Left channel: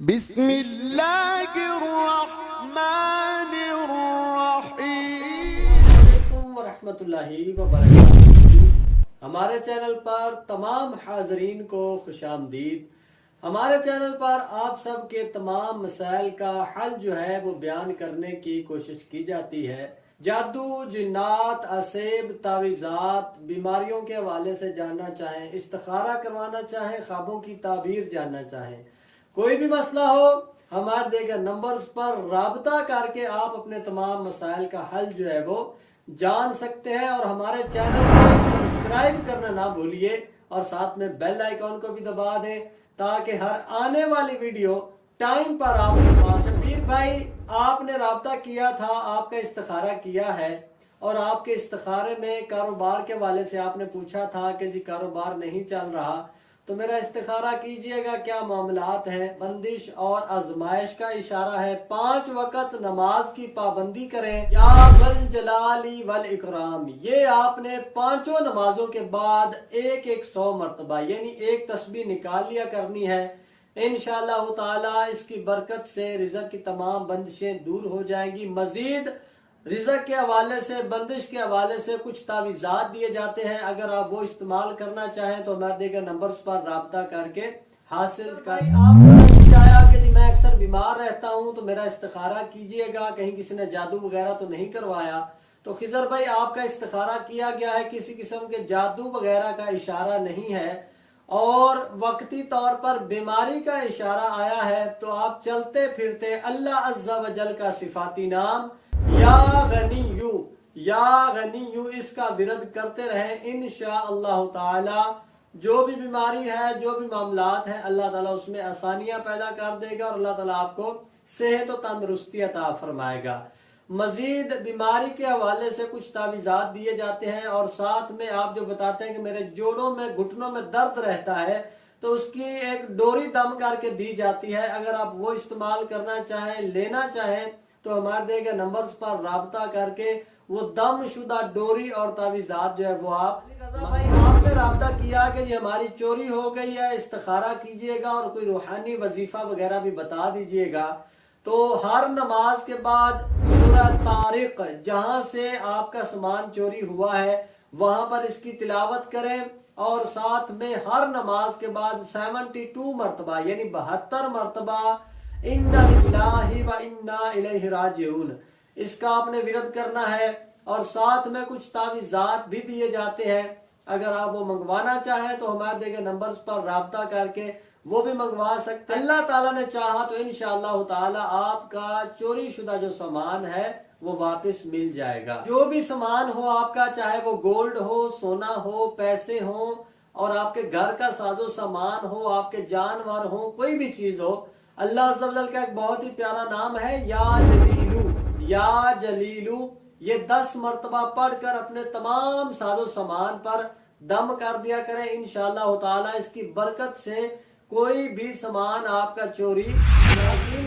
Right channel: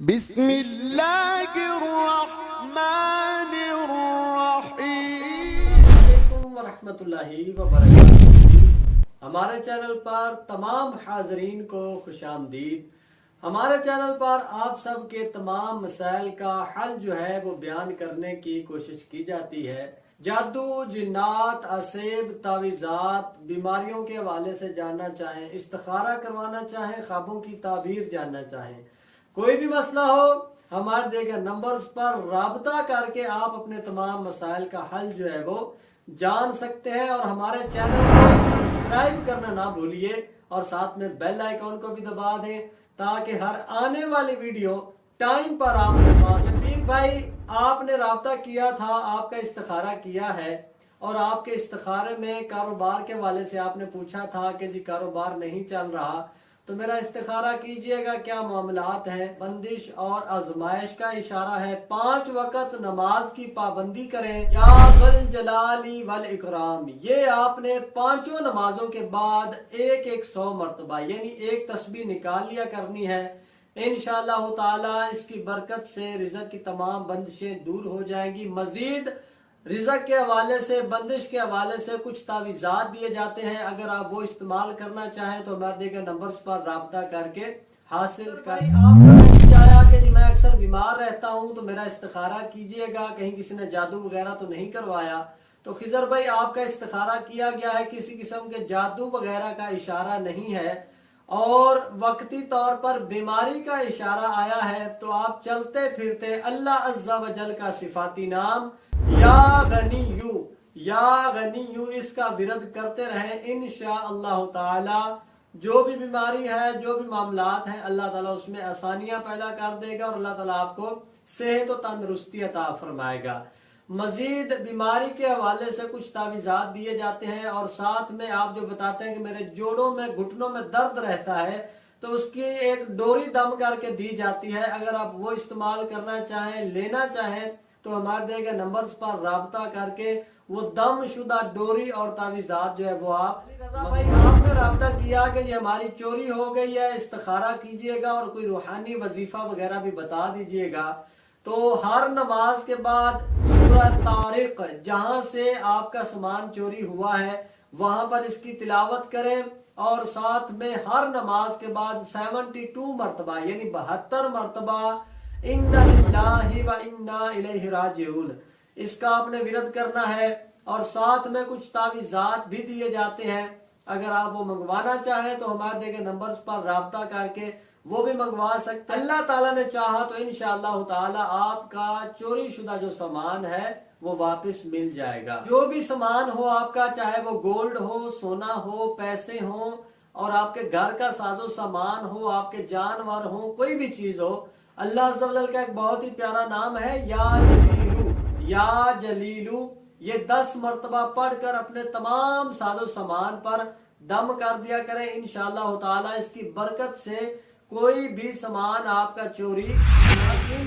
बिस्मिल्लाहिर्रहमानिर्रहीम वरहमतुल्लाहि वबरकातुहू। हमारे चैनल पर तमाम हाजरीन को खुशामदीद। हमारे चैनल पर आप सब के तमाम मसाइल का हल जो है वो बयान करने की कोशिश की जाती है। जादू, जिन्नात, असेब, तावीज़ात, बीमारियों के हवाले से जानना चाहें, इस्तिखारा करवाना चाहें, ख्वाबों की ताबीर जानना चाहें, कोई भी मसला हो, हमारे दिए गए नंबर्स पर राबता करके आप अपने तमाम मसाइल का हल जो है वो जान सकते हैं। और हमारे चैनल को सब्सक्राइब करना ना भूलिए और साथ में बेल आइकॉन को भी दबा दें ताकि हर आने वाली वीडियो टाइम पर आपके पास। शबीर भाई, आपने राबता किया था, आपका इस्तिखारा किया है और आपके इस्तिखारे में कारोबार के वाले से आपने पूछा था कि जी कारोबार नहीं चल रहा, तो मेरा इस्तिखारा कीजिएगा, क्या मामलात हैं। बंदिश और आजमाइश का इशारा है। 5 वक्त नमाज की पाबंदी करें। या वल जलाली वल इकराम, ये आपने 5 नमाजों के बाद एक 100 मरतबा यानी एक तस्बीह निकाल लिया करनी है। इंशाअल्लाह ताला इसकी बरकत से रिज़्क़ की तमाम बंदिशें दूर हो जाएंगी। मजीद रिज़्क़ के हवाले से, बंदिश के हवाले से कुछ तावीज़ात दिए जाते हैं। अगर आप वो इस्तेमाल करना चाहें तो हमारे दिए गए नंबर्स पर राब्ता करके हासिल कर। आपको आया कि जी मैं अक्सर बीमार रहता हूं तो मेरा इस्तिखारा कीजिएगा, कहीं किसी ने जादू वगैरह तो नहीं करवाया। तो खिजर भाई, आपका इस्तिखारा किया गया है, किसी किस्म के जादू वगैरह का इशारा नहीं है और वक्ती तौर पर बीमारी का इशारा आया है। तो आप चलते फिरते अल्लाह अज़्ज़ा वजल का सिफाती नाम या गनीयू इसका विरद करते रहे। इंशाअल्लाह ताला जो भी बीमारी है, जो भी मामलात हैं, अल्लाह ताला उसमें आसानियां पैदा कर देगा और अल्लाह ताला आपको सेहत और तंदुरुस्ती अता फरमाएगा। मजीद बीमारी के हवाले से कुछ तावीज़ात दिए जाते हैं और साथ में आप जो बताते हैं कि मेरे जोड़ों में, घुटनों में दर्द रहता है, तो उसकी एक डोरी दम करके दी जाती है। अगर आप वो इस्तेमाल करना चाहें, लेना चाहें, तो हमारे दिए गए नंबर्स पर राब्ता करके वो दम शुदा डोरी और तावीज़ात जो है वो आप भाई आपने राब्ता किया कि जी हमारी चोरी हो गई है, इस्तिखारा कीजिएगा और कोई रूहानी वजीफा वगैरह भी बता दीजिएगा। तो हर नमाज के बाद सूरह तारिक, जहां से आपका सामान चोरी हुआ है वहां पर इसकी तिलावत करें और साथ में हर नमाज के बाद 72 मरतबा यानी 72 मरतबा इन्ना लिल्लाहि व इन्ना इलैहि राजिऊन इसका आपने विरद करना है। और साथ में कुछ तावीज़ात भी दिए जाते हैं। अगर आप वो मंगवाना चाहें तो हमारे दिए गए नंबर्स पर राब्ता करके वो भी मंगवा सकते हैं। अल्लाह ताला ने चाहा तो इंशाअल्लाह ताला आपका चोरी शुदा जो सामान है वो वापस मिल जाएगा। जो भी सामान हो आपका, चाहे वो गोल्ड हो, सोना हो, पैसे हो और आपके घर का साजो सामान हो, आपके जानवर हो, कोई भी चीज हो, अल्लाह अज़्ज़ा वजल का एक बहुत ही प्यारा नाम है या जलीलू। या जलीलू ये 10 मरतबा पढ़कर अपने तमाम साजो सामान पर दम कर दिया करें। इंशाअल्लाह ताला इसकी बरकत से कोई भी सामान आपका चोरी।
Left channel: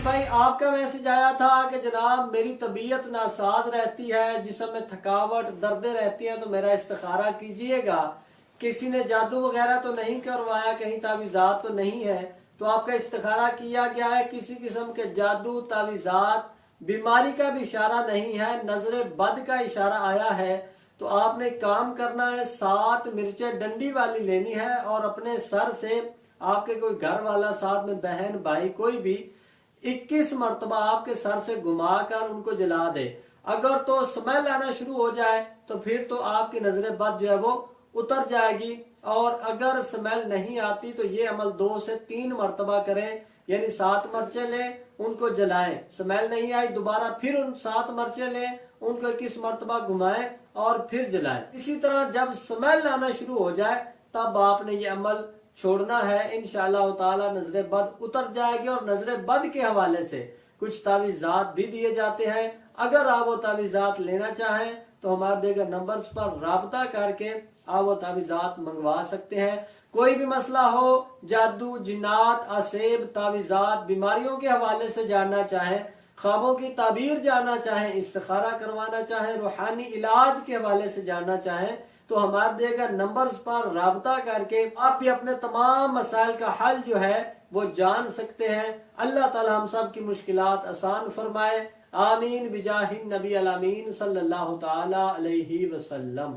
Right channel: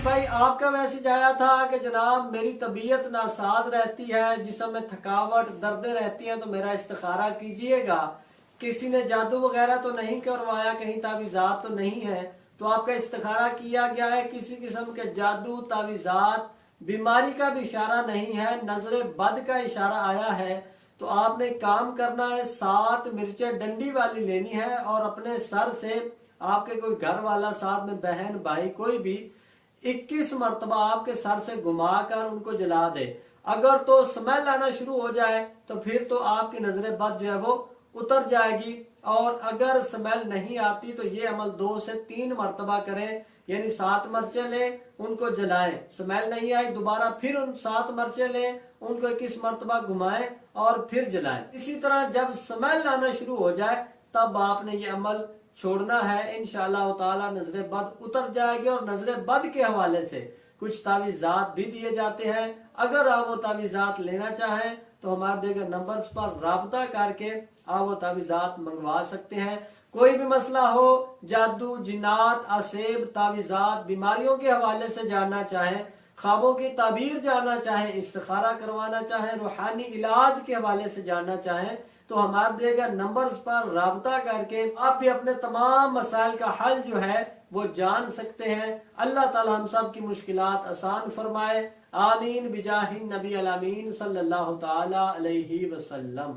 भाई, आपका मैसेज आया था कि जनाब मेरी तबीयत नासाज रहती है, जिस्म में थकावट, दर्दें रहती हैं, तो मेरा इस्तिखारा कीजिएगा। किसी ने जादू वगैरह तो नहीं करवाया, कहीं तावीज़ात तो नहीं है, तो आपका इस्तिखारा किया गया है। किसी किस्म के जादू, तावीज़ात, बीमारी का भी इशारा नहीं है, नजरे बद का इशारा आया है। तो आपने काम करना है, 7 मिर्चें डंडी वाली लेनी है और अपने सर से आपके कोई घर वाला, साथ में बहन भाई कोई भी, 21 मरतबा आपके सर से घुमाकर उनको जला दे। अगर तो स्मेल आना शुरू हो जाए तो फिर तो आपकी नजरे बद जो है वो उतर जाएगी। और अगर स्मेल नहीं आती तो ये अमल 2 से 3 मरतबा करें, यानी 7 मर्चे लें, उनको जलाएं। स्मेल नहीं आई, दोबारा फिर उन 7 मर्चे लें, उनको 21 मरतबा घुमाएं और फिर जलाएं। इसी तरह जब स्मेल आना शुरू हो जाए तब आपने ये अमल छोड़ना है। इंशाअल्लाह ताला नजरे बद उतर जाएगी। और नजरे बद के हवाले से कुछ तावीज़ात भी दिए जाते हैं। अगर आप वो तावीज़ात लेना चाहें तो हमारे दिए गए नंबर्स पर राब्ता करके आप वो तावीज़ात मंगवा सकते हैं। कोई भी मसला हो, जादू, जिन्नात, असेब, तावीज़ात, बीमारियों के हवाले से जानना चाहें, ख्वाबों की ताबीर जानना चाहें, इस्तिखारा करवाना चाहें, रूहानी इलाज के हवाले से जानना चाहें, तो हमारे दिए गए नंबर्स पर राब्ता करके आप भी अपने तमाम मसाइल का हल जो है वो जान सकते हैं। अल्लाह ताला हम सब की मुश्किलात आसान फरमाए। आमीन बिजाहिन नबी अमीन सल्लल्लाहु ताला अलैहि वसल्लम।